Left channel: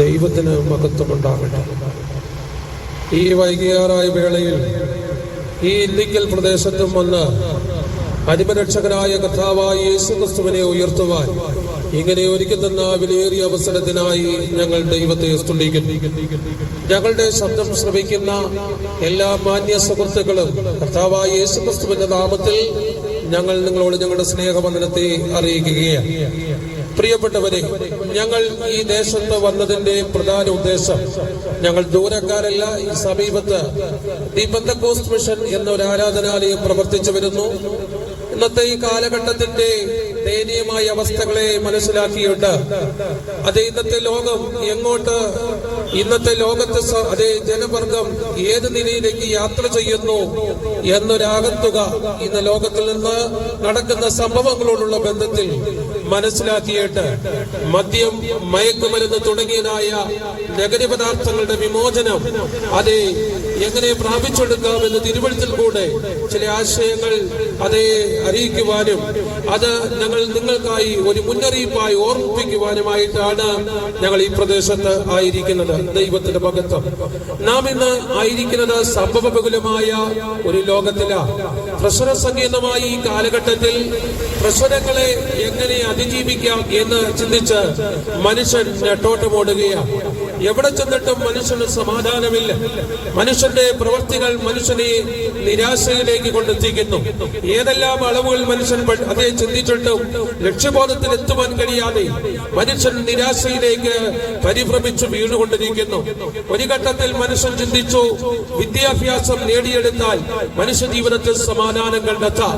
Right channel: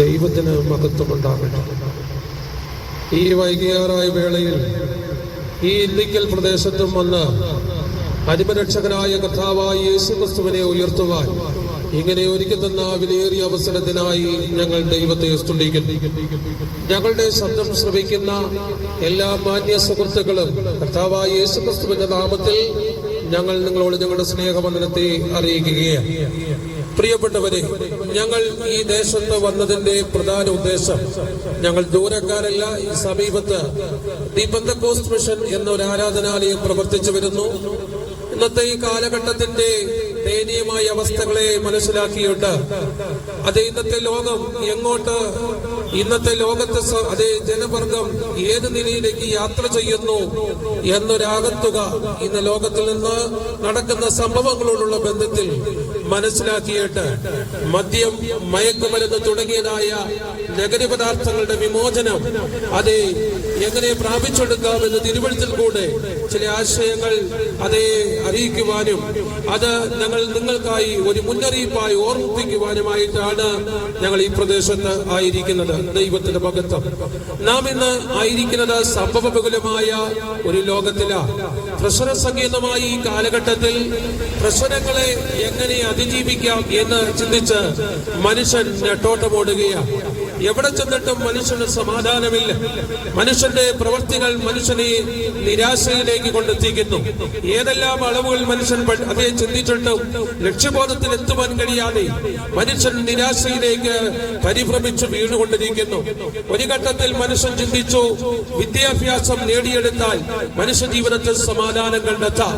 ദൈവത്തിന് മഹത്വമുണ്ടാകട്ടെ. ഈ വൈകിയാറായ വേളയിൽ ഈ ഇല്ലിക്കൽ പ്രദേശത്തും വന്ന് അരിമരക്ഷകനായ കർത്താവായ യേശുക്രിസ്തുവിനെ ഉയർത്തുവാൻ ഇങ്ങനെ ഒരുക്കി തന്ന വിലയേറിയ അവസരത്തിനായി ഞങ്ങൾ ദൈവത്തെ സ്തുതിക്കുന്നു. ഞങ്ങളുടെ ശബ്ദം ശ്രവിക്കുന്ന എല്ലാ മാന്യ സുഹൃത്തുക്കളും കർത്താവായ യേശുക്രിസ്തുവിന്റെ നാമത്തിൽ ഞങ്ങൾ നിങ്ങളോട് ഞങ്ങളുടെ സ്നേഹവന്ദനത്തെ അറിയിക്കുകയാണ്. പ്രിയപ്പെട്ടവരെ, ഞങ്ങൾ ഈ ദേശത്ത് വന്നതിന്റെ പ്രധാന ഉദ്ദേശം, ഞങ്ങൾ ദൂരക്കാരല്ല. ഈ സമീപത്ത് ദി പെന്തക്കോസ്റ്റ് മിഷൻ എന്നൊരു ആരാധനാലയം പ്രവർത്തിച്ചു വരുന്നു. ഇന്നത്തെ ഈ കാലഘട്ടത്തിന്റെ ദയനീയമായ അവസ്ഥകളെ മനസ്സിലാക്കിയിട്ട് ഇന്നത്തെ ലോകം ഇന്നത്തെ ലോകത്ത് അതേ ജനവർഗം ഏത് നിലയിലേക്ക് യാത്ര ചെയ്യുന്നു എന്നൊരാകത്തുക ഇന്ന് ലോകത്തിൽ നിന്ന് നടക്കുന്ന സംഭവങ്ങളോടുള്ള ബന്ധത്തിൽ മനസ്സിലാക്കിയിട്ട് മദ്യം, മയക്കുമരുന്ന് തുടങ്ങിയതായ ലഹരി പദാർത്ഥങ്ങളുടെ വിമോചനം എങ്ങനെ പ്രാപിച്ചെടുക്കാമെന്ന് തിരുവഴുത്തിൽ കൂടെ ചില ആശയങ്ങൾ അറിയിക്കുവാനും ഞങ്ങൾ നിങ്ങൾക്കായി ഒരു മുന്നറിയിപ്പായി ഓർമ്മിപ്പിക്കുവാനുമായിട്ടാണ് ഞങ്ങൾ ഈ പ്രദേശത്ത് ആയിരിക്കുന്നത്. ദൈവത്തിന്റെ മഹത്വം. നാം ഇന്ന് ആയിരിക്കുന്നത് സംഭവബഹുലമായ ഒരു ലോകത്തിലാണ്. പ്രശ്ന സങ്കീർണമായ ഈ കാലഘട്ടത്തിൽ പ്രശ്നങ്ങളെ എങ്ങനെ അതിജീവിക്കാം എന്ന് ചിന്തിച്ച് മനുഷ്യൻ നെട്ടോട്ടമോടുകയാണ്. എവിടെ ചെന്നിട്ടും മനുഷ്യന് സമാധാനമില്ല. മനുഷ്യന്റെ പ്രവൃത്തികൾ മനുഷ്യനെ നിരാശയിലേക്ക് കൊണ്ടെത്തിക്കുന്നു. ഏതെല്ലാം അളവുകൾ മനുഷ്യൻ ചിന്തിച്ചിട്ടും ലക്ഷ്യബോധത്തിൽ എത്തുവാൻ കഴിയാതെ മനുഷ്യൻ നിരാശയിലേക്ക് പരിഭ്രമിച്ചു വീണുകൊണ്ടിരിക്കുന്നു. ഒരു ഘട്ടത്തിൽ മനുഷ്യൻ ചിന്തിച്ചു, വിദ്യാഭ്യാസം നേടിയെടുത്താൽ മനുഷ്യ ജീവിതത്തിൽ സമാധാനം കണ്ടെത്താം.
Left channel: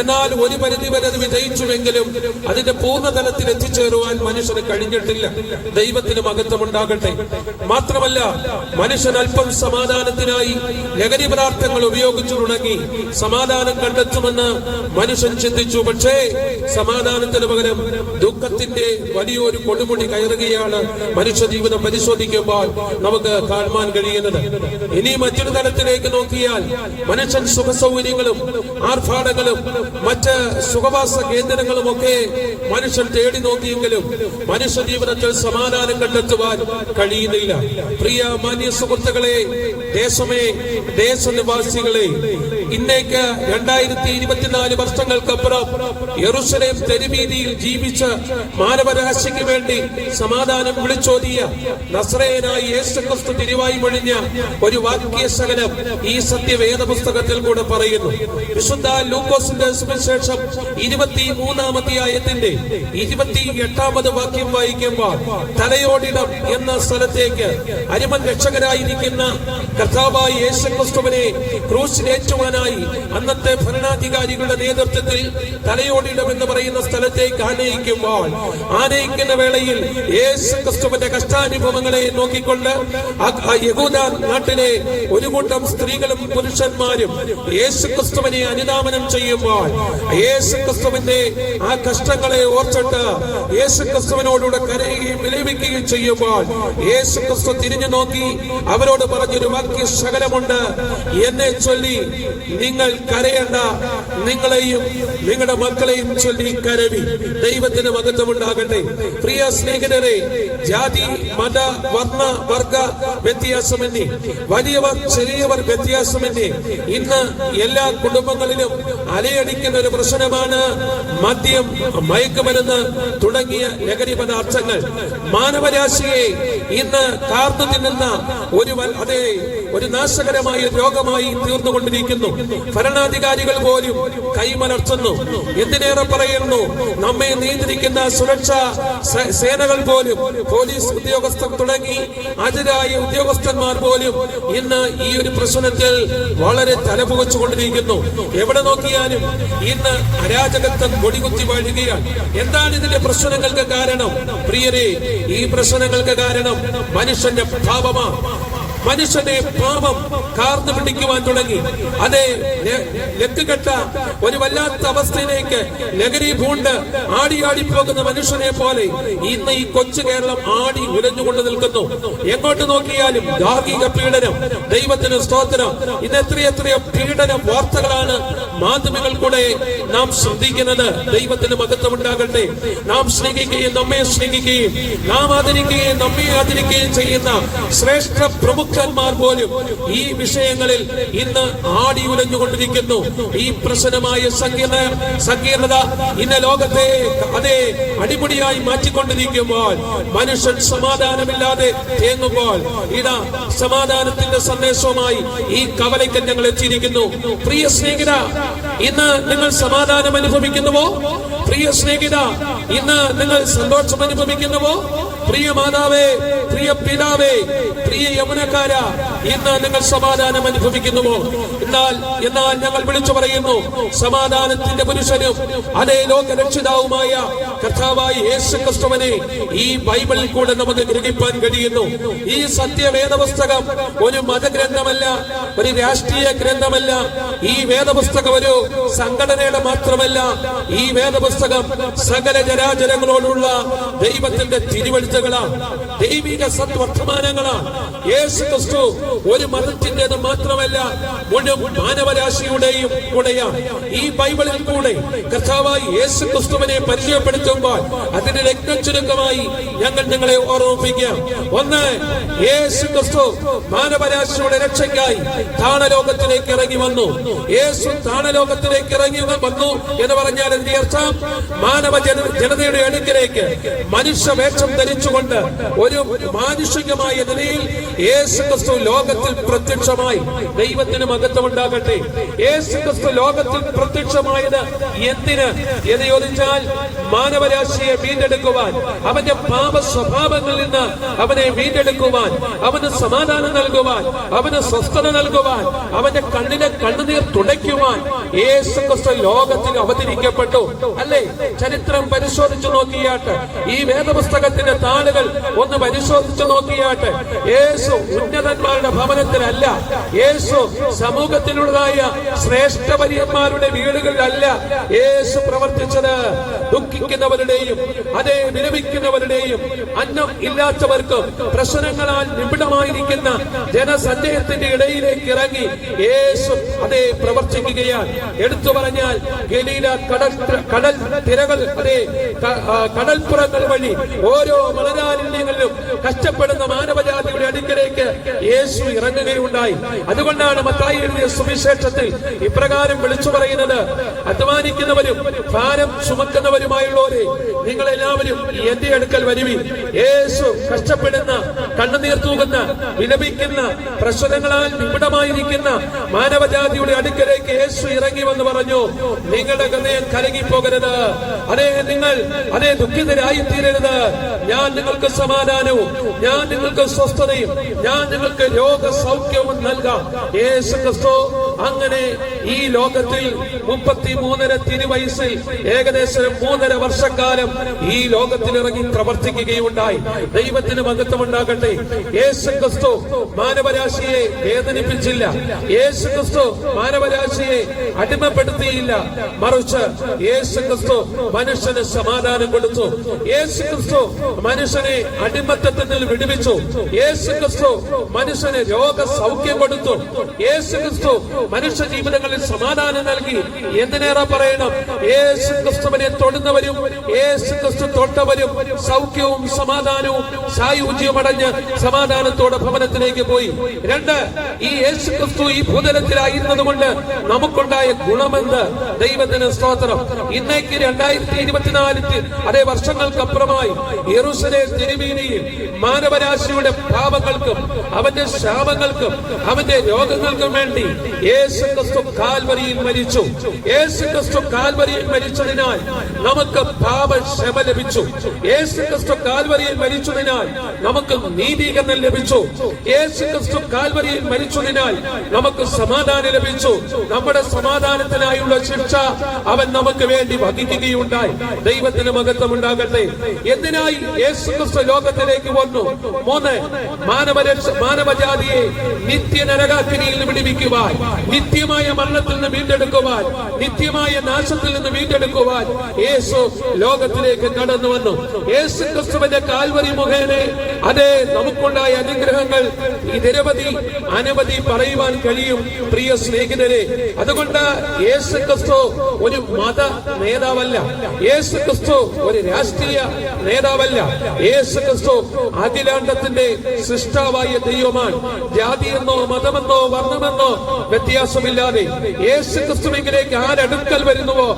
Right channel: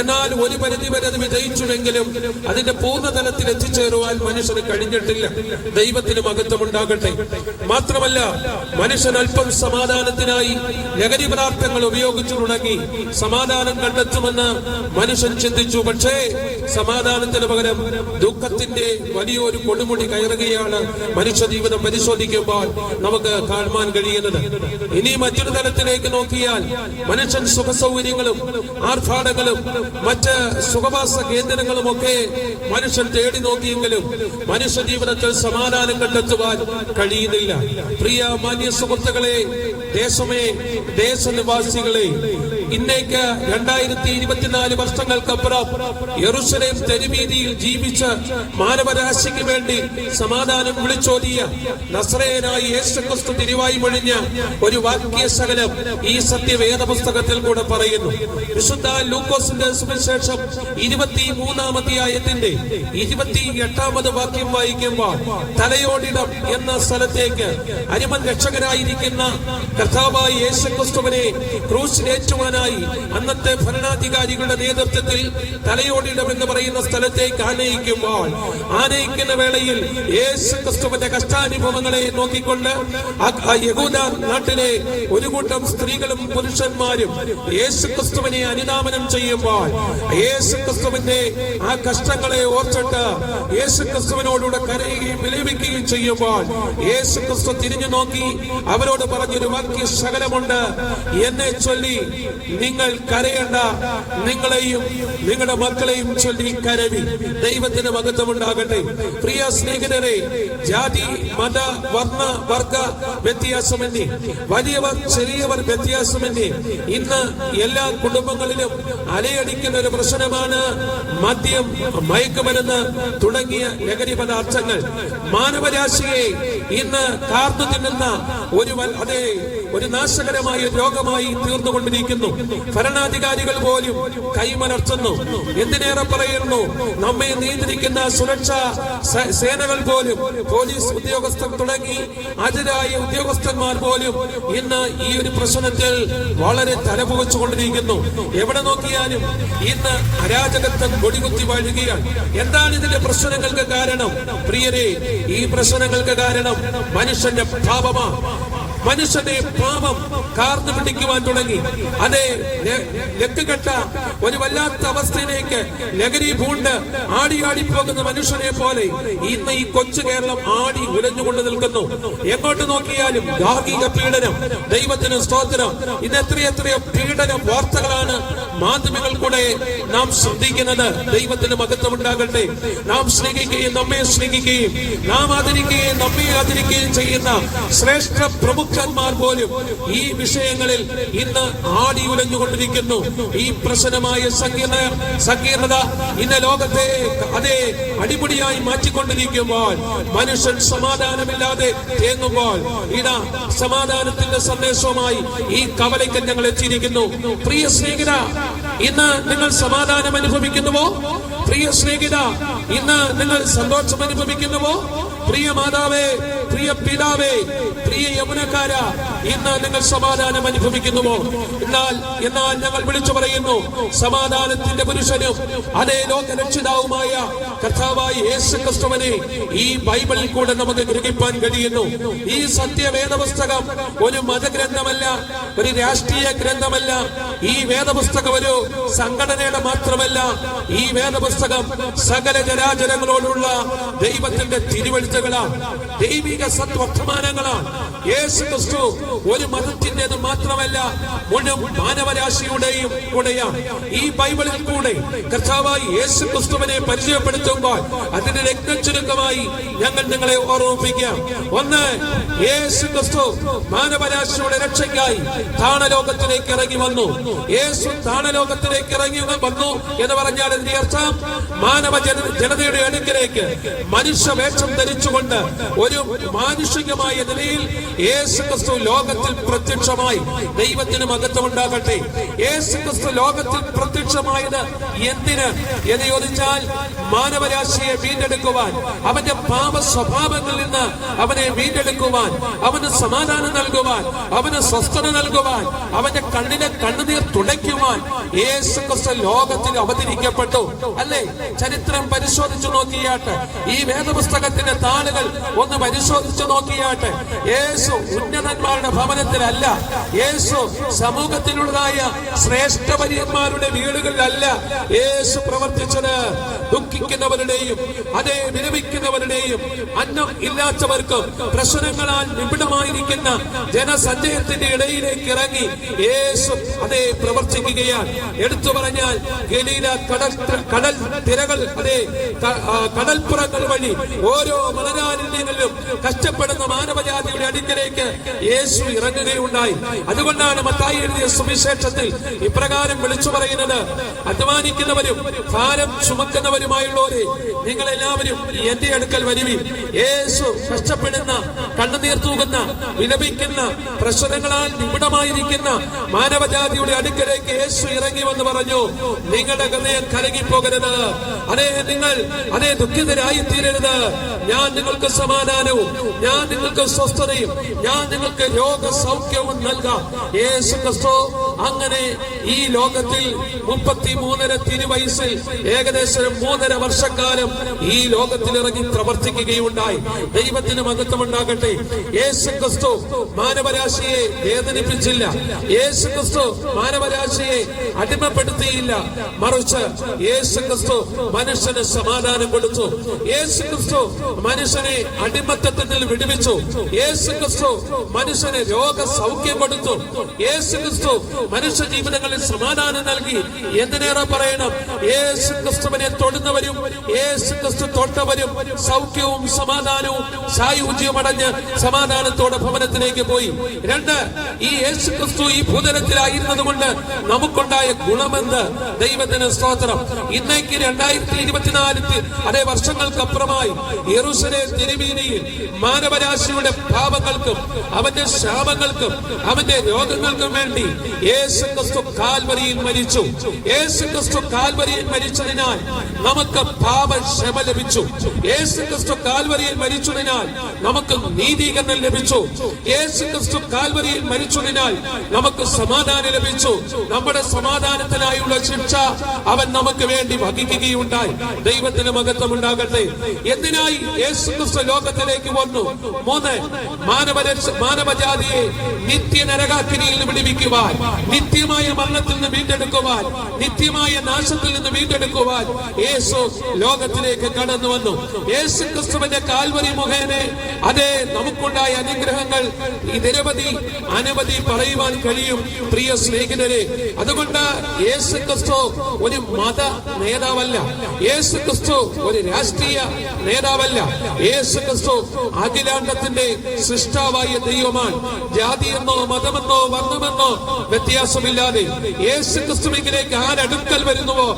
എന്നാൽ ഒരു പരിധിവരെ വിജയിച്ചുവെങ്കിലും അതിന്റെ പൂർണ്ണതലത്തിൽ എത്തിച്ചേരുവാൻ മനുഷ്യന് കഴിഞ്ഞിട്ടില്ല. ദൈവത്തിന് മഹത്വമുണ്ടാകട്ടെ. മാത്രമല്ല, മനുഷ്യൻ അല്പം സമാധാനത്തിനായി ലഹരി പദാർത്ഥങ്ങൾ ഉപയോഗിച്ചു തുടങ്ങി സമാധാനം കണ്ടെത്തുമെന്ന് മനുഷ്യൻ ചിന്തിച്ചു. പക്ഷേ സമാധാനത്തിന് പകരം ദുഃഖത്തിന്റെ വലിയൊരു കൊടുമുടി കയറുകയാണ് മനുഷ്യ ജീവിതം പരിശോധിക്കുമ്പോൾ നമുക്ക് കാണുവാൻ കഴിയുന്നത്. ഇനി മറ്റൊരു തലത്തിലേക്ക് നോക്കിയാൽ മനുഷ്യൻ സുഖസൗകര്യങ്ങളും ആർഭാടങ്ങളും മറ്റ് സുഖവാസ കേന്ദ്രങ്ങളും ഒക്കെ മനുഷ്യൻ തേടി നോക്കിയെങ്കിലും മനുഷ്യ ജീവിതത്തിൽ സമാധാനം കണ്ടെത്തുവാൻ കഴിയുന്നില്ല. പ്രിയ മാന്യ സുഹൃത്തുക്കളെ, ദേശനിവാസികളെ, ഇന്നേക്ക് 2024 വർഷങ്ങൾക്കപ്പുറം യെരൂശലേം തെരുവീതിയിൽ ജീവിച്ച് മാനവരാശിക്ക് വേണ്ടി സമാധാനം വിളിച്ചോതിയ നസ്രയനായ യേശുക്രിസ്തു തിരുവായി മൊഴിഞ്ഞ ഒരു വാക്യശകലം ഈ സത്യവേദ പുസ്തകത്തിൽ കൂടെ പറയുന്നു. വിശുദ്ധ ലൂക്കോസിന്റെ സുവിശേഷം 23-ാം അധ്യായത്തിന്റെ 28-ാമത് വാക്യം വായിക്കുമ്പോൾ തലയോടിടം എന്ന സ്ഥലത്തേക്ക് അരിമൻ രക്ഷകരായിരിക്കുന്ന കർത്താവായ യേശുക്രിസ്തുവിനെ ക്രൂശിലേറ്റുവാനായി അന്നത്തെ ഭരണാധികാരികളുടെ നേതൃത്വത്തിൽ തലയോടിടം എന്ന് പറയുന്ന സ്ഥലത്തേക്ക് ആനയിക്കുന്ന വേളയിൽ യേശുക്രിസ്തുവിന്റെ കഷ്ടാനുഭവങ്ങളെ നോക്കിക്കൊണ്ട് യഹൂദ നാട്ടിലെ ഒരു കൂട്ടം സ്ത്രീകളും പുരുഷന്മാരും യേശുക്രിസ്തുവിനെ അനുധാവനം ചെയ്യുമ്പോൾ യേശുക്രിസ്തുവിന്റെ ആ കഷ്ടങ്ങളെ ഓർച്ചിട്ട് യേശുക്രിസ്തുവിനോടുകൂടെ കരയുകയും വിലപിക്കുകയും ചെയ്യുമ്പോൾ യേശുക്രിസ്തു തിരിഞ്ഞു നോക്കി അവരോട് പറഞ്ഞൊരു വാക്യ ശകലമുണ്ട്, എന്നെ ചൊല്ലി നിങ്ങൾ കരയണ്ട, നിങ്ങളെയും നിങ്ങളുടെ മക്കളെയും ചൊല്ലി കരവി. ദൈവത്തിന് മഹത്വമുണ്ടാകട്ടെ. പ്രിയ സ്നേഹിതരെ, ജാതി, മത, വർണ്ണ, വർഗ വ്യത്യാസമെന്നേ, വലിയവർ ചെറിയവർ വ്യത്യാസമെന്നേ, ഇന്ന് എല്ലാ കുടുംബങ്ങളിലും അലയടിക്കുന്ന ഒരു പ്രശ്നമാണ് മദ്യം, മയക്കുമരുന്ന് തുടങ്ങിയ ലഹരി പദാർത്ഥങ്ങൾ. മാനവരാശിയെ ഇന്ന് കാർന്നു തിന്നുന്ന ഒരു നാശകരമായ രോഗമായി തീർന്നുകൊണ്ടിരിക്കുന്നു. ഭരണാധികാരികൾ പോലും കൈമലർത്തുന്നു. എന്തിനേറെ പറയുന്നു, നമ്മെ നിയന്ത്രിക്കുന്ന സുരക്ഷാ സേനകൾ പോലും, പോലീസ് ഉദ്യോഗസ്ഥർ തുടങ്ങി അതിരായ ഉദ്യോഗസ്ഥന്മാർ പോലും ഇന്ന് ഈ ഒരു പ്രശ്നത്തിൽ വളരെ തലപുകച്ചുകൊണ്ടിരിക്കുന്നു. എവിടെ നോക്കിയാലും ഇന്ന് അരാജകത്വം കൊടികുത്തി വാഴുകയാണ്. എന്താണ് ഇതിന്റെ പ്രശ്നങ്ങൾക്ക് കാരണം? പ്രിയരെ, ഈ പ്രശ്നങ്ങൾക്ക് കാരണം മനുഷ്യന്റെ പാപമാണ്. മനുഷ്യനെ പാപം കാർന്നു പിടിക്കുവാൻ തുടങ്ങി. ലക്കുകെട്ട ഒരു വല്ലാത്ത അവസ്ഥയിലേക്ക് ലഹരി പൂണ്ട് ആടിപ്പോകുന്ന മനുഷ്യനെ പോലെ ഇന്ന് ഈ കൊച്ചു കേരളം ആടി ഉലഞ്ഞുകൊണ്ട് നിൽക്കുന്നു. എങ്ങോട്ട് നോക്കിയാലും ഗാർഹിക പീഡനം. ദൈവത്തിന് സ്തോത്രം. ഇത് എത്രയെത്രയോ പീഡന വാർത്തകളാണ് മാധ്യമങ്ങൾ കൂടെ നാം ശ്രദ്ധിക്കുന്നത്. ദൈവത്തിന് മഹത്വം ഉണ്ടാകട്ടെ. നാം സ്നേഹിക്കുകയും നമ്മെ സ്നേഹിക്കുകയും നാം ആദരിക്കുകയും നമ്മെ ആദരിക്കുകയും ചെയ്യുന്ന ശ്രേഷ്ഠ പ്രമുഖന്മാർ പോലും ഈ വിഷയങ്ങളിൽ ഇന്ന് ആടി ഉലഞ്ഞുകൊണ്ടിരിക്കുന്നു. ഈ പ്രശ്നമായ സങ്കീർണത ഇന്ന് ലോകത്തെ അതേ അടിപൊളിയായി മാറ്റിക്കൊണ്ടിരിക്കുമ്പോൾ, മനുഷ്യൻ സമാധാനമില്ലാതെ തേങ്ങുമ്പോൾ, ഇതാ സമാധാനത്തിന്റെ സന്ദേശവുമായി ഈ കവലയ്ക്കൽ ഞങ്ങൾ എത്തിയിരിക്കുന്നു. പ്രിയ സ്നേഹിത, ഇന്ന് നിങ്ങൾ സമാധാനം അനുഭവിക്കുന്നുവോ? പ്രിയ സ്നേഹിത, ഇന്ന് നിങ്ങൾ സന്തോഷം അനുഭവിക്കുന്നുവോ? പ്രിയ മാതാവേ, പ്രിയ പിതാവേ, പ്രിയ യൗവനക്കാര, ഇന്ന് നിങ്ങൾ സമാധാനം അനുഭവിക്കുന്നുവോ? എന്നാൽ ഞങ്ങൾ വിളിച്ചു പറയുന്നു, സമാധാനത്തിന്റെ പുരുഷനും അതേ ലോകരക്ഷിതാവുമായ കർത്താവായ യേശു ക്രിസ്തുവിനെ ഈ ബൈബിളിൽ കൂടെ നമുക്ക് ഗ്രഹിക്കാൻ കഴിയുന്നു. ഈ സത്യവേദപുസ്തകം ഒരു മതഗ്രന്ഥമല്ല, ഒരു രാഷ്ട്രീയ ഗ്രന്ഥമല്ല. ഈ വേദപുസ്തകം ഒരു സംഘടനയുടെ മാത്രമല്ല. ഈ വേദപുസ്തകം സകല ജനാചരങ്ങളോടുള്ള ദൈവത്തിന്റെ തിരുവെഴുത്തുകളാണ്, ദൈവിക സത്വർത്തമാനങ്ങളാണ്. യേശു ക്രിസ്തു ഒരു മതത്തിന്റേത് മാത്രമല്ല, മുഴുവൻ മാനവരാശിയുടെയും കൂടെയാണ്. ഈ ബൈബിളിൽ കൂടെ കർത്താവായി യേശു ക്രിസ്തുവിനെ പരിചയപ്പെടുത്തുമ്പോൾ അതിന്റെ രക്തചുരുക്കമായി ഞങ്ങൾ നിങ്ങളെ ഓർമ്മിപ്പിക്കാം. ഒന്ന്, യേശു ക്രിസ്തു മാനവരാശിയുടെ രക്ഷയ്ക്കായി താണലോകത്തിലേക്ക് ഇറങ്ങി വന്നു. യേശു താണലോകത്തിലേക്ക് ഇറങ്ങി വന്നു എന്ന് പറഞ്ഞാൽ അതിന്റെ അർത്ഥം മാനവ ജനതയുടെ അടുക്കിലേക്ക് മനുഷ്യവേഷം ധരിച്ചുകൊണ്ട് ഒരു മാനുഷികമായ നിലയിൽ യേശു ക്രിസ്തു ലോകത്തിൽ പ്രത്യക്ഷമായി. ദൈവത്തിന് മഹത്വം ഉണ്ടാകട്ടെ. യേശു ക്രിസ്തു ലോകത്തിൽ പ്രത്യക്ഷമായത് എന്തിന് എന്ന് ചോദിച്ചാൽ, മാനവരാശിയെ വീണ്ടെടുക്കുവാൻ, അവന്റെ പാപ സ്വഭാവങ്ങളിൽ നിന്ന് അവനെ വീണ്ടെടുക്കുവാൻ, അവന് സമാധാനം നൽകുവാൻ, അവന് സ്വസ്ഥത നൽകുവാൻ, അവന്റെ കണ്ണിനെ കണ്ണുനീർ തുടയ്ക്കുവാൻ യേശു ക്രിസ്തു ലോകത്തിൽ അവതരിക്കപ്പെട്ടു. അല്ലേ? ചരിത്രം പരിശോധിച്ചു നോക്കിയാട്ട്, ഈ വേദപുസ്തകത്തിന്റെ താളുകൾ ഒന്ന് പരിശോധിച്ചു നോക്കിയാട്ട്, യേശു ഉന്നതന്മാരുടെ ഭവനത്തിലല്ല, യേശു സമൂഹത്തിലുള്ളതായ ശ്രേഷ്ഠവര്യന്മാരുടെ വീടുകളിലല്ല യേശു പ്രവർത്തിച്ചത്. ദുഃഖിക്കുന്നവരുടെയും അതേ വിലപിക്കുന്നവരുടെയും അന്നം ഇല്ലാത്തവർക്കും പ്രശ്നങ്ങളാൽ നിബിഡമായിരിക്കുന്ന ജനസഞ്ചയത്തിന്റെ ഇടയിലേക്ക് ഇറങ്ങി യേശു അതേ പ്രവർത്തിക്കുകയാണ്. എടുത്തു പറഞ്ഞാൽ ഗലീല കടൽ തിരകൾ, അതേ കടൽപ്പുറങ്ങൾ വഴി ഓരോ മലരാരണ്യങ്ങളിലും കഷ്ടപ്പെടുന്ന മാനവജാതിയുടെ അടുക്കലേക്ക് യേശു ഇറങ്ങുകയുണ്ടായി. അതുകൊണ്ടാണ് മത്തായി എഴുതിയ സുവിശേഷത്തിൽ ഇപ്രകാരം വിളിച്ചു പറയുന്നത്, അധ്വാനിക്കുന്നവരും ഭാരം ചുമക്കുന്നവരുമായുള്ളവരെ നിങ്ങളെല്ലാവരും എന്റെ അടുക്കൽ വരുവിൻ. യേശു കഷ്ടപ്പെടുന്ന, കണ്ണുനീർ തൂകുന്ന, വിലപിക്കുന്ന, പ്രശ്നങ്ങളാൽ നിബിഡമായിരിക്കുന്ന മാനവജാതിയുടെ അടുക്കലേക്ക് യേശു ഇറങ്ങി വന്ന് പറഞ്ഞു, നിങ്ങളുടെ ഹൃദയം കലങ്ങിപ്പോകരുത്, നിങ്ങൾ ദുഃഖിതരായി തീരരുത്. ഞാൻ നിങ്ങൾക്ക് സമാധാനവും, ഞാൻ നിങ്ങൾക്ക് സ്വസ്ഥതയും, ഞാൻ നിങ്ങൾക്ക് രോഗസൗഖ്യവും നൽകാം. യേശു ക്രിസ്തു അങ്ങനെ ഈ ലോകത്തിൽ 33 തിരുവയസ്സിൽ ഏകദേശം 3.5 വർഷക്കാലം ഈ ലോകത്തിൽ ഇറങ്ങി പ്രവർത്തിക്കുകയുണ്ടായി. ദൈവത്തിന് മഹത്വം ഉണ്ടാകട്ടെ. യേശു ക്രിസ്തു മാനവരാശിയെ വേദനിപ്പിച്ചില്ല. യേശു ക്രിസ്തു മാനവരാശിയെ അടിമപ്പെടുത്തിയില്ല. മറിച്ച് യേശു ക്രിസ്തു മനുഷ്യന് സമാധാനം കൊടുത്തു. യേശു ക്രിസ്തു മനുഷ്യനെ അടിമത്തത്തിൽ വിടുവിച്ചു. യേശു ക്രിസ്തു മനുഷ്യന് രോഗസൗഖ്യം കൊടുത്തു. യേശു ക്രിസ്തു മനുഷ്യ ജീവിതങ്ങളിൽ സമാധാനം നൽകി. എന്തിനേറെ പറയണം, യേശു ക്രിസ്തുവിനെ തൊടുന്നവരും യേശു ക്രിസ്തു തൊട്ടവരും സൗഖ്യവും സമാധാനവും സായുജ്യവും അടഞ്ഞ് സമാധാനത്തോടെ ഭവനത്തിലേക്ക് പോയി. 2, ഈ യേശു ക്രിസ്തു ഈ ഭൂതലത്തിലായിരുന്നത് കൊണ്ട് നമുക്കുണ്ടായ ഗുണമെന്ത്? ദൈവത്തിന് സ്തോത്രം. ഇന്നേക്ക് 2024 അതേ വർഷങ്ങൾക്കപ്പുറമായി യെരൂശലേം തിരുമേനിയിൽ മാനവരാശിയുടെ പാപങ്ങൾക്കും അവന്റെ ശാപങ്ങൾക്കും അവന്റെ രോഗങ്ങൾക്കും വേണ്ടി യേശു ക്രിസ്തു കാൽവരിയിൽ മരിച്ചു. യേശു ക്രിസ്തു കാൽവരിയിൽ മരിച്ചതിനാൽ നമുക്ക് പാപക്ഷമ ലഭിച്ചു. യേശു ക്രിസ്തു കാൽവരിയിൽ മരിച്ചതിനാൽ നമുക്ക് നീതീകരണം ലഭിച്ചു. യേശു ക്രിസ്തു കാൽവരിയിൽ മരിച്ചതിനാൽ നമുക്ക് സമാധാനം ലഭിച്ചു. നമ്മുടെ സമാധാനത്തിനായുള്ള ശിക്ഷ അവൻ നമുക്ക് വേണ്ടി വഹിക്കുകയുണ്ടായി. ദൈവത്തിന് മഹത്വം ഉണ്ടാകട്ടെ. എന്തിനായി യേശു ക്രിസ്തു ലോകത്തിലേക്ക് വന്നു? 3, മാനവജാതിയെ നിത്യനരകാഗ്നിയിൽ നിന്ന് വിടുവിക്കുവാൻ, നിത്യമായ മരണത്തിൽ നിന്ന് വീണ്ടെടുക്കുവാൻ, നിത്യമായ നാശത്തിൽ നിന്ന് വീണ്ടെടുക്കുവാൻ യേശു ലോകത്തിലേക്ക് കടന്നു വന്നു. യേശു ക്രിസ്തുവിന്റെ കാൽവരി മുഖേന അതേ നമുക്കുണ്ടായ അനുഗ്രഹങ്ങൾ ഈ അനവധി പറയുവാൻ കഴിയും പ്രിയ സ്നേഹിതരെ. അതുകൊണ്ട് യേശു ക്രിസ്തു ഒരു മത നേതാവല്ല, യേശു ക്രിസ്തു ഒരു രാഷ്ട്രീയ നേതാവല്ല, യേശു ക്രിസ്തു അഖിലാണ്ടത്തിന്റെ സൃഷ്ടാവായ ദൈവമാണ്. ജാതിയെന്നോ മതമെന്നോ വർണ്ണമെന്നോ വ്യത്യാസമില്ലാതെ യേശു ക്രിസ്തുവിലേക്ക് ആരടുക്കൽ വരുന്നുവോ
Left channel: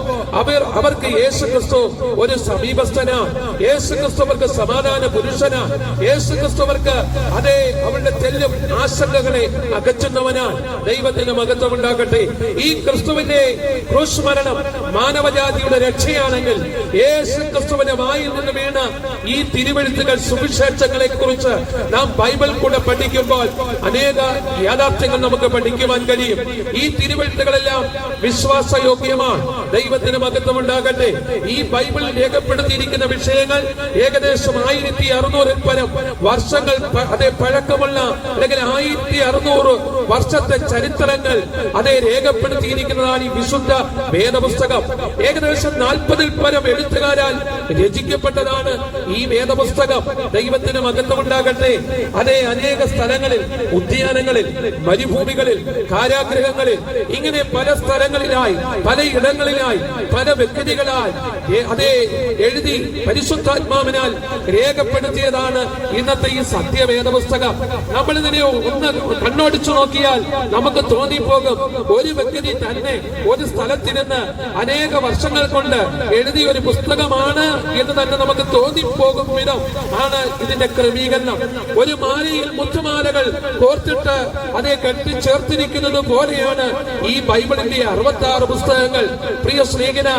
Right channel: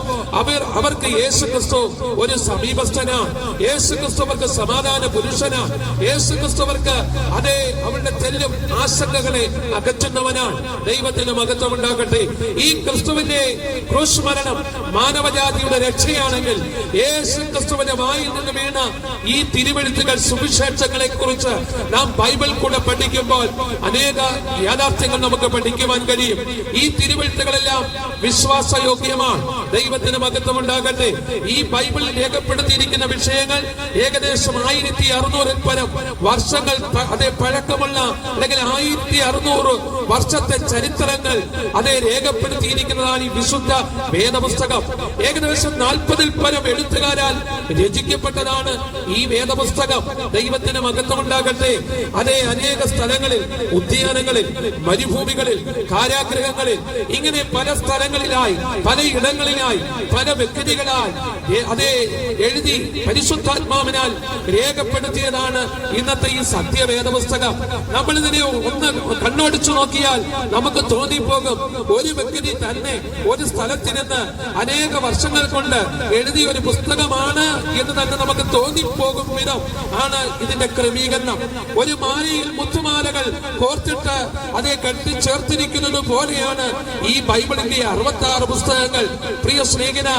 അവർക്ക് യേശു ക്രിസ്തു ഒരു സമീപസ്ഥനാണ്. യേശു ക്രിസ്തു അവർക്ക് സമാധാന പുരുഷനാണ്. യേശു ക്രിസ്തു അവർക്ക് അതേ അവരുടെ തെല്ലും ആശങ്കകളെ അകറ്റുന്നവനാണ്. ദൈവത്തിന് മഹത്വം ഉണ്ടാകട്ടെ. ഈ ക്രിസ്തുവിന്റെ ക്രൂശ് മരണം മാനവജാതിയുടെ രക്ഷയാണെങ്കിൽ യേശു ക്രിസ്തുവിന്റെ വായിൽ നിന്ന് വീണ ഈ തിരുവെഴുത്തുകൾ സുവിശേഷങ്ങളെ കുറിച്ച് നാം ബൈബിൾ കൂടെ പഠിക്കുമ്പോൾ അനേക യാഥാർത്ഥ്യങ്ങൾ നമുക്ക് പഠിക്കുവാൻ കഴിയും. ഈ തിരുവെഴുത്തുകളെല്ലാം വിശ്വാസയോഗ്യമാണ്. ദൈവത്തിന് മഹത്വം ഉണ്ടാകട്ടെ. ഈ ബൈബിളിൽ രേഖപ്പെടുത്തിയിരിക്കുന്ന വിഷയങ്ങൾ ഏകദേശം 1600 പരം വർഷങ്ങൾ അതേ പഴക്കമുള്ള അല്ലെങ്കിൽ 1600 വർഷത്തെ ചരിത്രങ്ങൾ അതേ രേഖപ്പെടുത്തിയിരിക്കുന്നതാണ് ഈ വിശുദ്ധ വേദപുസ്തകം. ഏകദേശം 40 പരം എഴുത്തുകാരാൽ രചിക്കപ്പെട്ടതാണ് ഈ വേദപുസ്തകം. ദൈവത്തിന് മഹത്വം ഉണ്ടാകട്ടെ. അതേ അനേക സ്ഥലങ്ങളിൽ, ഉദ്യാനങ്ങളിൽ, മരുഭൂമികളിൽ, കാരാഗ്രഹങ്ങളിൽ, ഇങ്ങനെ പല സ്ഥലങ്ങളിലായി, പല ഇടങ്ങളിലായി, പല വ്യക്തികളായി അതേ എഴുതി പരിശുദ്ധാത്മാവിനാൽ രേഖപ്പെടുത്തിയതാണ് ഇന്നത്തെ ഈ സത്യവേദ പുസ്തകം. നമ്മൾ ഇതിനെ ഒന്ന് കണ്ണോടിച്ചു നോക്കിയാൽ നമുക്ക് തോന്നിപ്പോകും ഒരു വ്യക്തി തന്നെ ഒരു സ്ഥലത്തിരുന്ന് അനേക വർഷങ്ങൾ കൊണ്ട് എഴുതിയ ഒരു പുസ്തകമാണ് എന്ന് തന്നെ നമുക്ക് തോന്നിപ്പോകും വിധം ആണ് ഇതിന്റെ ക്രമീകരണം. ഒരു മാലയിൽ മുത്തുമാലകൾ കോർത്തിട്ട് അതേ കെട്ടി ചേർത്തിരിക്കുന്നത് പോലെയാണ് ഈ ബൈബിളിന്റെ 66 പുസ്തകങ്ങൾ. പ്രിയ സ്നേഹിത,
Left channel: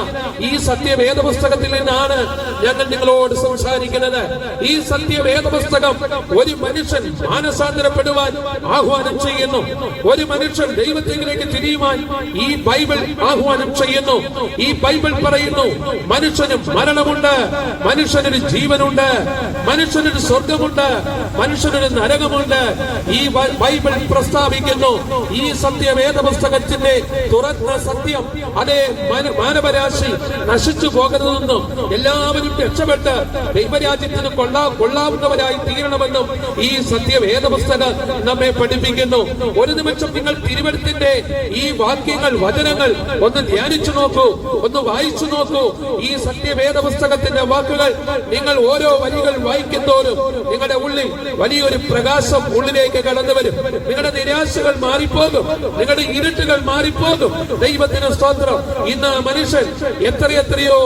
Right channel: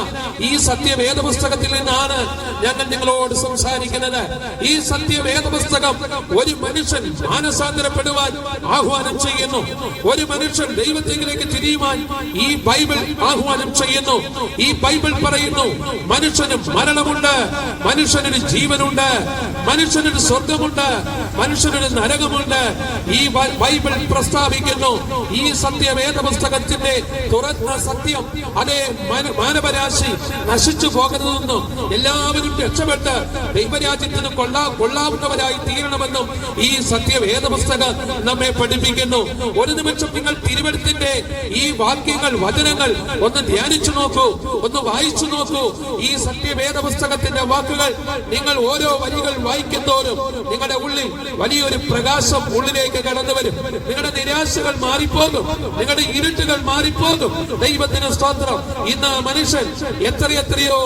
ഈ സത്യവേദ പുസ്തകത്തിൽ നിന്നാണ് ഞങ്ങൾ നിങ്ങളോട് സംസാരിക്കുന്നത്. ഈ സത്യവേദ പുസ്തകം ഒരു മനുഷ്യൻ മാനസാന്തരപ്പെടുവാൻ ആഹ്വാനം ചെയ്യുന്നു. ഒരു മനുഷ്യൻ ദൈവത്തിലേക്ക് തിരിയുവാൻ ഈ ബൈബിൾ ആഹ്വാനം ചെയ്യുന്നു. ഈ ബൈബിൾ പറയുന്നു മനുഷ്യന് മരണമുണ്ട്, മനുഷ്യനൊരു ജീവനുണ്ട്, മനുഷ്യനൊരു സ്വർഗമുണ്ട്, മനുഷ്യനൊരു നരകമുണ്ട്. ഈ ബൈബിൾ പ്രസ്താവിക്കുന്നു. ഈ സത്യവേദ പുസ്തകത്തിന്റെ തുറന്ന സത്യം അതേ മാനവരാശി നശിച്ചു പോകരുതെന്നും എല്ലാവരും രക്ഷപ്പെട്ട് ദൈവരാജ്യത്തിന് കൊള്ളാവുന്നവരായി തീരണമെന്നും ഈ സത്യവേദ പുസ്തകം നമ്മെ പഠിപ്പിക്കുന്നു. ഒരു നിമിഷം നിങ്ങൾ തിരുവെഴുത്തിന്റെ ഈ വാക്യങ്ങൾ, വചനങ്ങൾ ഒന്ന് ധ്യാനിച്ചു നോക്കൂ, ഒന്ന് വായിച്ചു നോക്കൂ. ഈ സത്യവേദ പുസ്തകത്തിന്റെ വാക്കുകൾ നിങ്ങൾ ഓരോ വരികൾ വായിക്കുന്നതോറും നിങ്ങളുടെ ഉള്ളിൽ വലിയൊരു പ്രകാശം ഉള്ളിലേക്ക് കടന്നു വരും. നിങ്ങളുടെ നിരാശകൾ മാറിപ്പോകും, നിങ്ങളുടെ ഇരുട്ടുകൾ മാറിപ്പോകും. ദൈവത്തിന് സ്തോത്രം. ഇന്ന് മനുഷ്യൻ എത്രയെത്രയോ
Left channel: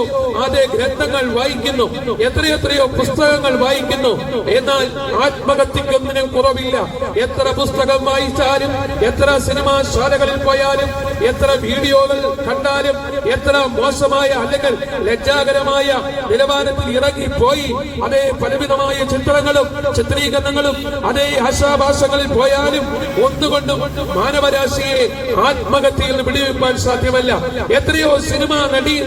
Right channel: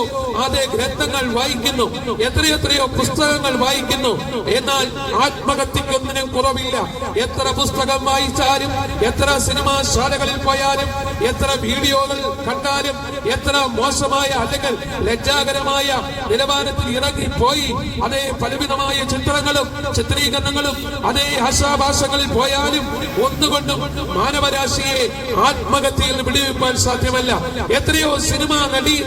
അതേ ഗ്രന്ഥങ്ങൾ വായിക്കുന്നു, എത്രയെത്രയോ പുസ്തകങ്ങൾ വായിക്കുന്നു, എന്നാൽ ആത്മഹത്യക്കൊന്നിനും കുറവില്ല. എത്ര പുസ്തകം വായിച്ചാലും, എത്ര സിനിമാശാലകളിൽ പോയാലും, എത്ര വീഡിയോകൾ കണ്ടാലും, എത്ര മോശമായ അല്ലെങ്കിൽ ലജ്ജാകരമായ നിലവാരത്തിൽ ഇറങ്ങിപ്പോയി അതേ പലവിധമായ ചിത്രങ്ങളും ചിത്രീകരണങ്ങളും അതേ ആശാഭാസങ്ങളിൽ പോയാലും ഒന്നുകൊണ്ടും മാനവരാശിയെ ആത്മഹത്യയിൽ വിടുവിപ്പാൻ സാധ്യമല്ല. എത്രയോ സിനിമാ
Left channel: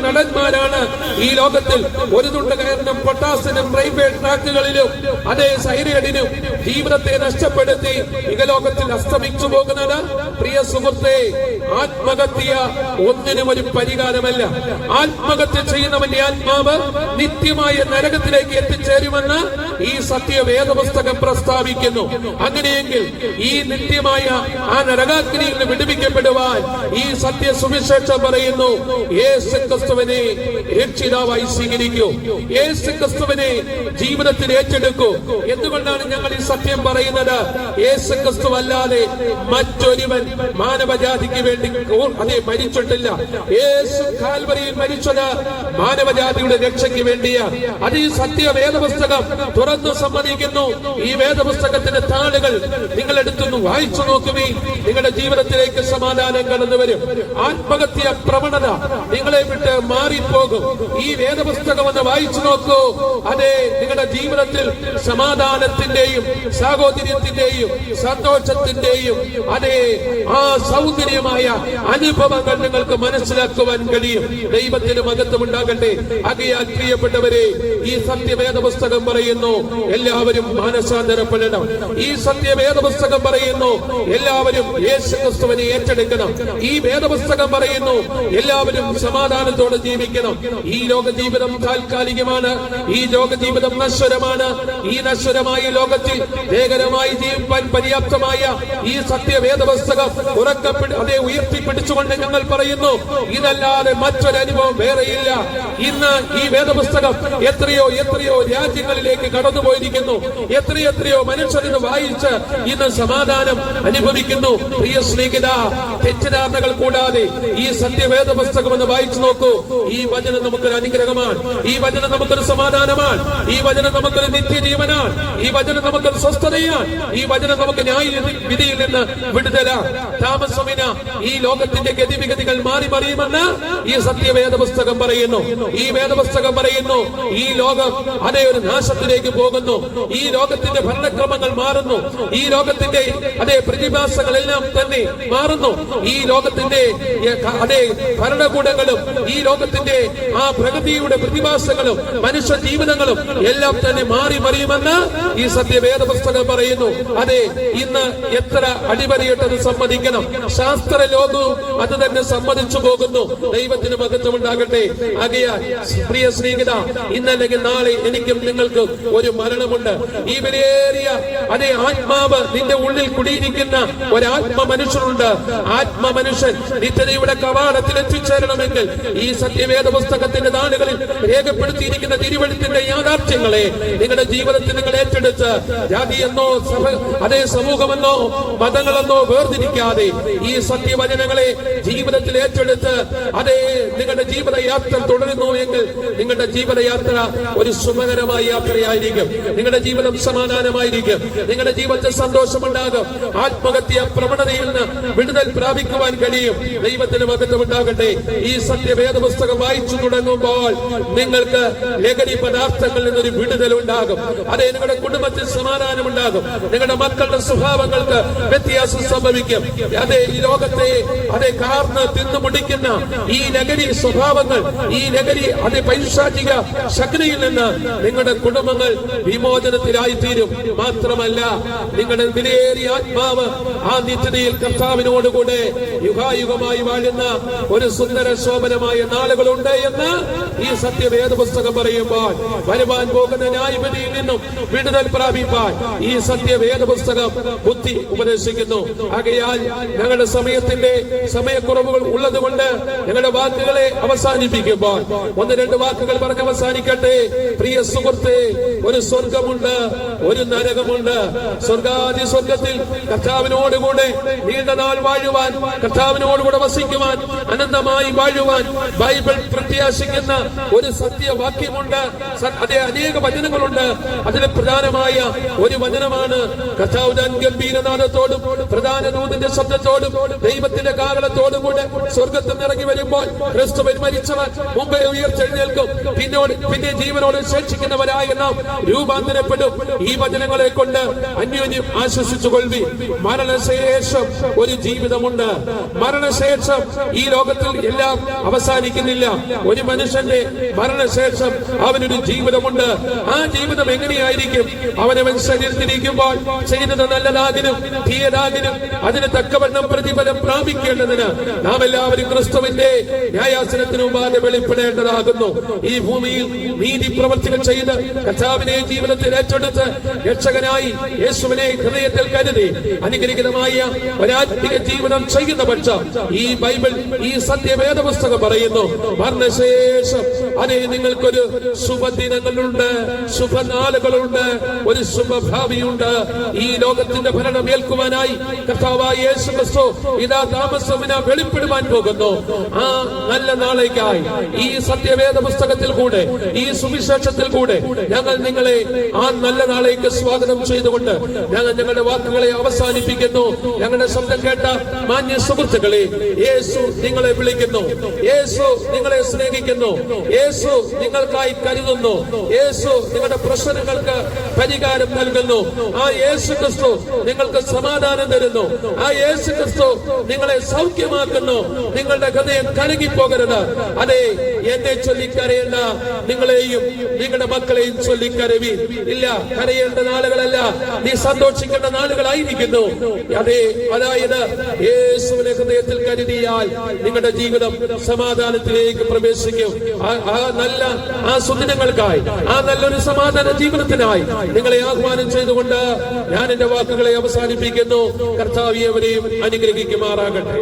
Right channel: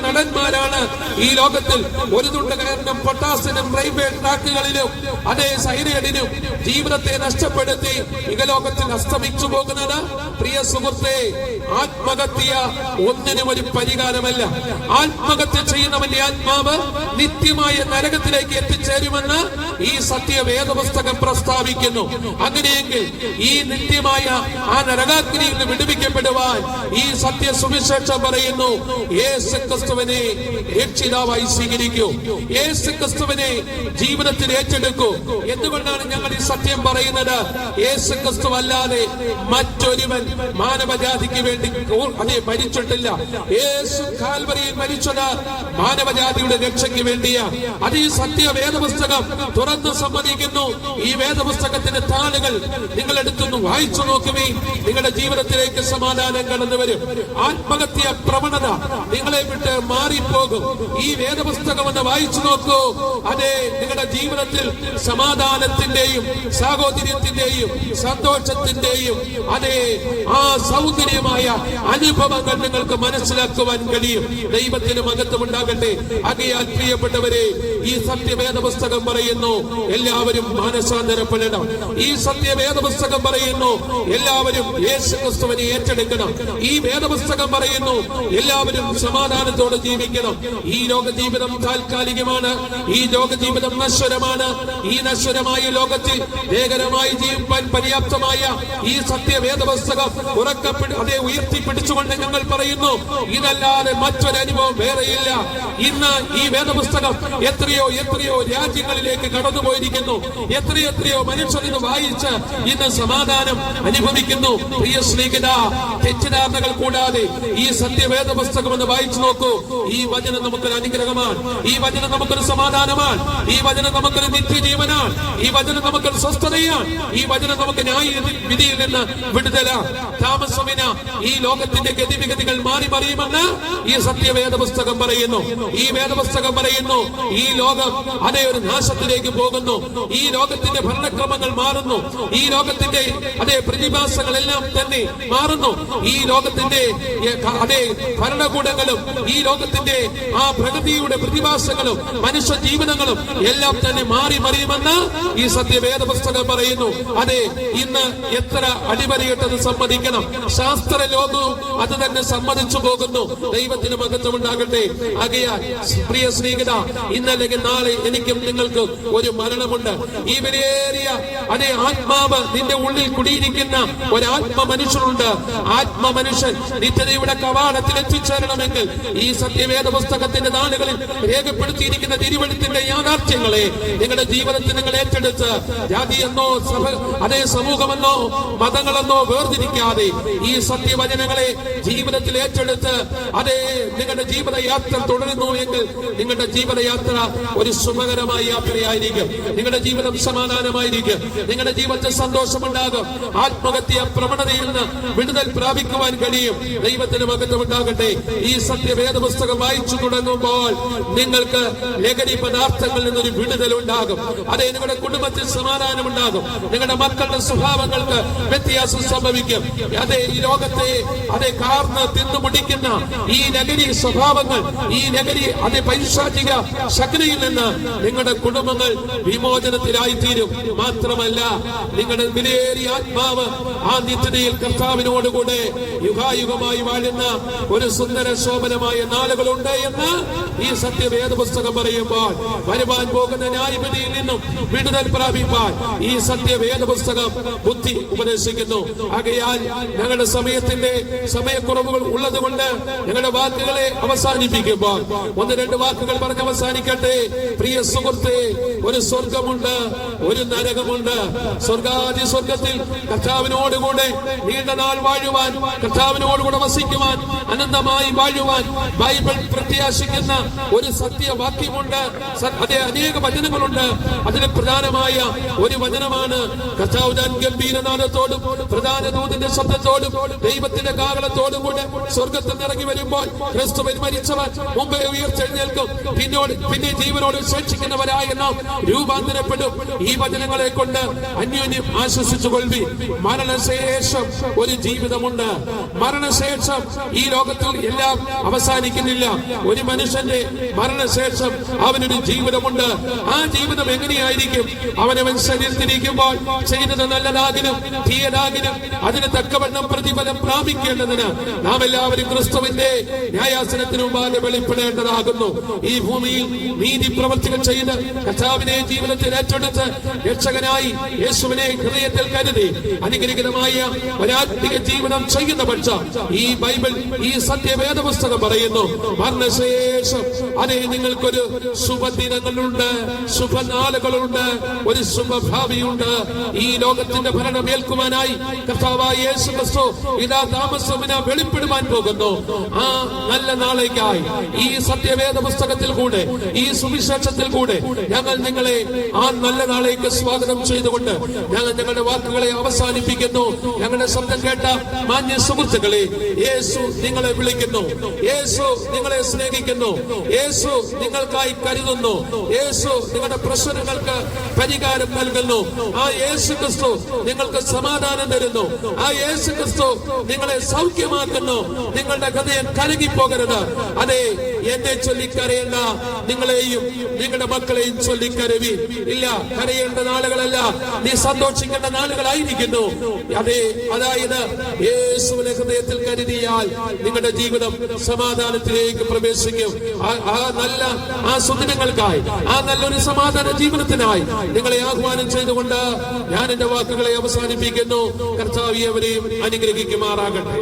നടന്മാരാണ് ഈ ലോകത്തിൽ ഒരു തുണ്ട് കയറിനും പൊട്ടാസിനും റെയിൽവേ ട്രാക്കുകളിലും അതേ സൈനികടിനും ജീവിതത്തെ നഷ്ടപ്പെടുത്തി ഇഹലോകത്തിൽ അസ്തമിച്ചു പോകുന്നത്. പ്രിയ സുഹൃത്തെ, ആത്മഹത്യ ഒന്നിനും ഒരു പരിഹാരമല്ല. ആത്മഹത്യ ചെയ്യുന്നവന്റെ ആത്മാവ് നിത്യമായ നരകത്തിലേക്ക് എത്തിച്ചേരുമെന്ന് ഈ സത്യവേദ പുസ്തകം പ്രസ്താവിക്കുന്നു. അങ്ങനെയെങ്കിൽ ഈ നിത്യമായ ആ നരകാഗ്നിയിൽ നിന്ന് വിടുവിക്കപ്പെടുവാൻ ഈ സത്യ സുവിശേഷം പറയുന്നു, യേശു ക്രിസ്തുവിനെ രക്ഷിതാവായി സ്വീകരിക്കൂ, യേശു ക്രിസ്തുവിനെ ജീവിതത്തിൽ ഏറ്റെടുക്കൂ. എന്തുകൊണ്ടാണ് ഞങ്ങൾ ഈ സത്യം പറയുന്നത്? യേശു ക്രിസ്തു അല്ലാതെ മറ്റൊരുവൻ മാനവജാതിക്ക് വേണ്ടി അതേ മരിച്ചിട്ടില്ല. യേശു കാൽവരിയിൽ മരിച്ചത് മാനവജാതിയുടെ രക്ഷയ്ക്ക് വേണ്ടിയാണ്. അത് ഈ സത്യവേദ പുസ്തകം തുറന്നു സമ്മതിക്കുന്നു. ഈ വേദപുസ്തകത്തിന്റെ താളുകൾ നിങ്ങൾ എടുത്തൊന്ന് വായിച്ചു നോക്കുകയും നിങ്ങളുടെ ജീവിതത്തിലേക്ക് സമാധാനം കടന്നു വരും. ആത്മഹത്യ പ്രവണത നിങ്ങളെ വിട്ട് മാറിപ്പോകും. ഈ വേദപുസ്തകം ഒന്ന് വായിച്ചു നോക്കൂ. അതെ, നിങ്ങളുടെ ജീവിതത്തിൽ സമാധാനത്തിന്റെയും സാഹോദര്യത്തിന്റെയും സന്തോഷത്തിന്റെയും അതേ ആ സൗന്ദര്യമായ അനുഭവങ്ങൾ നിങ്ങൾക്ക് മനസ്സിലാക്കുവാൻ കഴിയും. ദൈവത്തിന് മഹത്വം ഉണ്ടാകട്ടെ. ആകയാൽ പ്രിയപ്പെട്ടവരെ, ഈ സത്യവേദ പുസ്തകം പറയുന്നു എല്ലാവരും മാനസാന്തരപ്പെടണം. ഈ സത്യവേദ പുസ്തകം പറയുന്നു എല്ലാവരും യേശു ക്രിസ്തുവിനെ ഏറ്റെടുക്കണം. ഈ വേദപുസ്തകം പറയുന്നു എല്ലാവരും സമാധാനത്തോടെ ജീവിക്കണം. ഈ ലോക ജീവിതം താൽക്കാലികമാണ്. ഈ ലോക ജീവിതം നശ്വരമാണ്. ഈ നശ്വരമായ ലോകത്തിൽ ഏകരമായി ജീവിക്കാൻ പര്യാപ്തമായ ഈ സത്യവേദ പുസ്തകം അതേ ഉയർത്തിപ്പിടിച്ചുകൊണ്ട് ഞങ്ങൾ പറയുന്നു, ഇതല്ലാതെ മറ്റൊരു അനുഭവം വേറെയില്ല. ഇന്ന് ഈ വേദപുസ്തകം എത്രയോ രാജ്യങ്ങളിലേക്ക് കടന്നുപോയിരിക്കുന്നു. എത്രയോ മനുഷ്യരിത് വായിച്ച് ഇന്ന് സമാധാനം അനുഭവിക്കുന്നു. പ്രിയ സ്നേഹിത, തെറ്റിദ്ധാരണകൾ കൂടാതെ ഈ സത്യവേദ പുസ്തകം എന്ന് വായിച്ചു നോക്കൂ. ഈ വചനം നമുക്കൊരു അനുഗ്രഹമാണ്. ഈ വചനം നമുക്കൊരു സമാധാനമാണ്. ഈ വചനം നമുക്കൊരു നിത്യജീവനാണ്. ഈ വചനം നമുക്കൊരു സ്വസ്ഥതയാണ്. ഈ വചനം നമുക്ക് ന്യായ വിധിയിൽ നിന്ന് വിടുതലാണ്. താമസമിന ഈ ലോകത്തിന്റെ ഗതിവിഗതികൾ മാറി മറിയുമെന്ന് ഈ സത്യവേദ പുസ്തകം പറയുന്നു. ഈ വേദപുസ്തകം പറയുന്നു ഈ ലോകം അതേ ഒരു നാശത്തിലേക്ക് പോകുന്നു. ഈ ലോകത്തിന്റെ ഭരണക്രമങ്ങൾ മാറുന്നു. ഈ ലോകത്തിന്റെ അതേ പ്രതിഭാസങ്ങളെല്ലാം തന്നെ മാറുന്നു. ഈ ലോകത്തിന്റെ അതേ ഭരണകൂടങ്ങളും ഈ ലോകത്തിന്റെ ആ പ്രകൃതിയുടെ പ്രതിഭാസങ്ങളും മനുഷ്യ ജീവിതങ്ങളും എല്ലാം തന്നെ മാറി മറിയുമെന്ന് ഈ സത്യവേദ പുസ്തകം പറയുന്നു. അതെ, ഇന്ന് എത്ര അടിവരയിട്ടത് സമ്മതിക്കണം. ശാസ്ത്ര ലോകവും അത് തന്നെ സമ്മതിച്ചു പോകുന്നു. ദൈവത്തിന് മഹത്വം ഉണ്ടാകട്ടെ. ആകയാൽ പ്രിയ സ്നേഹിത, ഇന്നല്ലെങ്കിൽ നാളെ എനിക്കും നിങ്ങൾക്കും ഒരു മരണമുണ്ട്. ഈ വിലയേറിയ അതേ ആത്മാവ് നിന്റെ ഉള്ളിൽ കുടിയിരിക്കുന്ന ഒരാത്മ മനുഷ്യനുണ്ട്. ആത്മ മനുഷ്യൻ നിത്യതയുടെ കവാടത്തിൽ എത്തിച്ചേരണമെങ്കിൽ ഈ സത്യവേദ പുസ്തകത്തിന്റെ നാളുകളിൽ രേഖപ്പെടുത്തിയിരിക്കുന്ന തിരുവെഴുത്തിന്റെ യാഥാർത്ഥ്യങ്ങളെ നിങ്ങളുടെ ജീവിതത്തിൽ നിങ്ങൾ ഏറ്റെടുത്ത് ജാതിയെന്നോ അതേ സമൂഹമെന്നോ മതങ്ങളെന്നോ വേർതിരിക്കാതെ ഈ സത്യവചനങ്ങളെ ജീവിതത്തിൽ ഏറ്റെടുത്ത് അതേ നിങ്ങളുടെ ജീവിതയാത്ര തുടരുന്നു എങ്കിൽ നിങ്ങളുടെ ജീവിതയാത്ര ഒരു സുഖകരമായ യാത്രയായിരിക്കും. നിങ്ങളുടെ ജീവിതം സമാധാനമായിരിക്കും. നിങ്ങളുടെ ജീവിതത്തിൽ സന്തോഷമുണ്ടാകും. ആത്മഹത്യ പ്രവണതയിൽ നിന്ന് വിടുതൽ പ്രാപിക്കുവാൻ കഴിയും. ദൈവത്തിന് മഹത്വം ഉണ്ടാകട്ടെ. ഈ സത്യവേദ പുസ്തകം വായിച്ചു തുടങ്ങുമ്പോൾ നിങ്ങൾക്ക് ലഹരി പദാർത്ഥങ്ങളിൽ നിന്നൊരു വിടുതൽ ഉണ്ടാകും. അതേ, നിങ്ങളുടെ കുടുംബത്തിൽ സമാധാനം ഉണ്ടാകും. നിങ്ങളുടെ മക്കളുടെ സ്വഭാവങ്ങൾക്ക് വ്യത്യാസം സംഭവിക്കും. അതേ, ഈ ലോകത്തെ അതേ കാർന്ന് തിന്നുമുടിക്കുന്ന ഈ ലഹരി സ്വഭാവങ്ങൾ, ഈ ലഹരി അതേ പൈശാചിക ശക്തിയിൽ നിന്ന് നിങ്ങളുടെ കുടുംബങ്ങൾ വിമോചനത്തിലായി തീരും. മാത്രമല്ല, നിങ്ങളുടെ വിലയേറിയ ആത്മാവ് ആ നിത്യതയിൽ കർത്താവിനോടുകൂടെ യുഗായുഗമായി വാഴുന്ന ഒരു സുന്ദര ശോഭനമായ നാളുകളുണ്ട് എന്ന് ഈ സത്യവേദ പുസ്തകം പറയുമ്പോൾ വരുവാൻ പോകുന്ന ന്യായവിധിയിൽ നിന്നും വിടുതൽ പ്രാപിപ്പാൻ ഈ സത്യവേദ പുസ്തകം ബുദ്ധി ഉപദേശിക്കുന്നു. ആകയാൽ ഞങ്ങളുടെ സമയക്കുറവുകൾ ഉള്ളതുകൊണ്ട് ഞങ്ങളുടെ വാക്കുകളെ അവസാനിപ്പിക്കുമ്പോൾ ഒന്ന് രണ്ട് വാക്കുകൾ പറഞ്ഞ് അവസാനിക്കട്ടെ. പ്രിയ സുഹൃത്തെ, ഒരു സ്വർഗമുണ്ട്, ഒരു നരകമുണ്ട്. സ്വർഗാദി സ്വർഗത്തിൽ കർത്താവിനോടുകൂടെ നീണ്ട നാൾ വാഴുവാൻ, കർത്താവിനോടുകൂടെ വസിക്കുവാൻ, അനന്തമായി വാഴുവാൻ ബൈബിൾ പ്രത്യാശിക്കുന്ന ഒരു സത്യവാക്യമുണ്ട്. അതേ, അനേക വചനങ്ങളുണ്ട്. അതിൽ പ്രധാനമായ ഒരു വചനമാണ് കർത്താവ് താൻ ഗംഭീരനാദത്തോടും പ്രധാന ദൂതന്റെ ശബ്ദത്തോടും ദൈവത്തിന്റെ കാഹളത്തോടും കൂടെ സ്വർഗത്തിൽ ഇറങ്ങി വരുമ്പോൾ ക്രിസ്തുവിൽ മരിച്ചവർ മുമ്പേ ഉയർത്തെഴുന്നേൽക്കും. പിന്നെ ജീവനോട് ശേഷിക്കുന്നവരായ നാം രൂപാന്തരപ്പെടും. ഈ വചനങ്ങളെ കൊണ്ട് അന്യോന്യം ആശ്വസിച്ചുകൊള്ളി. മരണശേഷം ഒരു ജീവിതമുണ്ട്. മരണശേഷം ഈ ലോകത്തിൽ എല്ലാം അവസാനിക്കുന്നില്ല. ഒരു മനുഷ്യന്റെ മരണശേഷം അവനൊരു ജീവിതമുണ്ട്. ആ ജീവിതം എങ്ങനെയായിരിക്കും? അവനവൻ ശരീരത്തിരിക്കുമ്പോൾ ചെയ്തത് നല്ലതാകിനും തീയതാകിനും അതിന് തക്കവണ്ണം പ്രതിഫലം പ്രാപിക്കേണ്ടതിന് നാം എല്ലാവരും ക്രിസ്തുവിന്റെ ന്യായാസനത്തിന് മുമ്പാകെ വെളിപ്പെടേണ്ടതാകുന്നു. ഈ ഭൂമിയിൽ നീതി പ്രവർത്തികൾ ചെയ്ത് കർത്താവിനെ ജീവിതത്തിൽ ഏറ്റെടുത്ത് രക്ഷകനായി യേശുവിനെ ഹൃദയത്തിൽ കരുതി അനുഗ്രഹിതമായ ഒരാത്മിക ജീവിതം ചെയ്യുന്ന പക്ഷം ഈ ബൈബിൾ, ഈ സത്യവേദ പുസ്തകം പറയുന്നു മരണശേഷം അതേ നിങ്ങൾക്കൊരു ശുഭദിനങ്ങളുണ്ട്, ശുഭനാളുകളുണ്ട്, ഒരു ശുഭഭാവിയുണ്ട്. ഈ ലോകത്തിന്റെ ഭരണം ഏൽക്കുവാനായി കർത്താവായ യേശു ക്രിസ്തു ഇതാ താമസമിന വെളിപ്പെടുവാൻ പോകുന്നു. ആ നല്ല നാളേക്കായി ഈ സത്യവേദ പുസ്തകത്തിൽ കൂടെ, ഈ സുവിശേഷത്തിൽ കൂടെ ഞങ്ങൾ നിങ്ങളെ ആ നല്ല നാളേക്ക് സ്വാഗതം ചെയ്തുകൊണ്ട് ഞങ്ങൾ ഞങ്ങളുടെ വാക്കുകളെ അവസാനിപ്പിക്കുന്നു. ഞങ്ങളുടെ ശബ്ദം കേട്ട മാന്യ സുഹൃത്തുക്കളെ, യേശു നിങ്ങളെ വിളിക്കുന്നു, യേശു നിങ്ങളെ സ്നേഹിക്കുന്നു, യേശു നിങ്ങൾക്കായി കരുതുന്നു, യേശു നിങ്ങളുടെ പ്രശ്നങ്ങൾക്ക് പരിഹാരം നൽകുന്നു. ആ യേശു ക്രിസ്തു നിങ്ങൾക്ക് സമാധാനം തരുന്നു. ആ യേശു ക്രിസ്തു നിങ്ങളെ സൗഖ്യമാക്കുന്നു. നിങ്ങളുടെ ഹൃദയം കലങ്ങിപ്പോകരുത്. അതെ, എന്നെ ചൊല്ലിക്കരയേണ്ട, നിങ്ങളെയും നിങ്ങളുടെ മക്കളെയും ചൊല്ലിക്കരവി. ഇല്ല, കരയേണ്ട നാളുകളല്ല, നീ സന്തോഷിക്കേണ്ട നാളുകളായിരിക്കുന്നു. അതെ, അതായത് യേശുവിനെ ഹൃദയത്തിൽ കരുതിയാൽ നിങ്ങളുടെ ജീവിതം സമാധാനത്തിലേക്ക് പ്രവേശിക്കും. ആ സുദിനങ്ങൾക്കായി, ആ നല്ലൊരു സമാധാന ജീവിതത്തിനായി നിങ്ങളെ ആഹ്വാനം ചെയ്തുകൊണ്ട് ഞാൻ എന്റെ വാക്കുകളെ അവസാനിപ്പിക്കുന്നു. കർത്താവ് അവരെയും അനുഗ്രഹിക്കുമാറാകട്ടെ.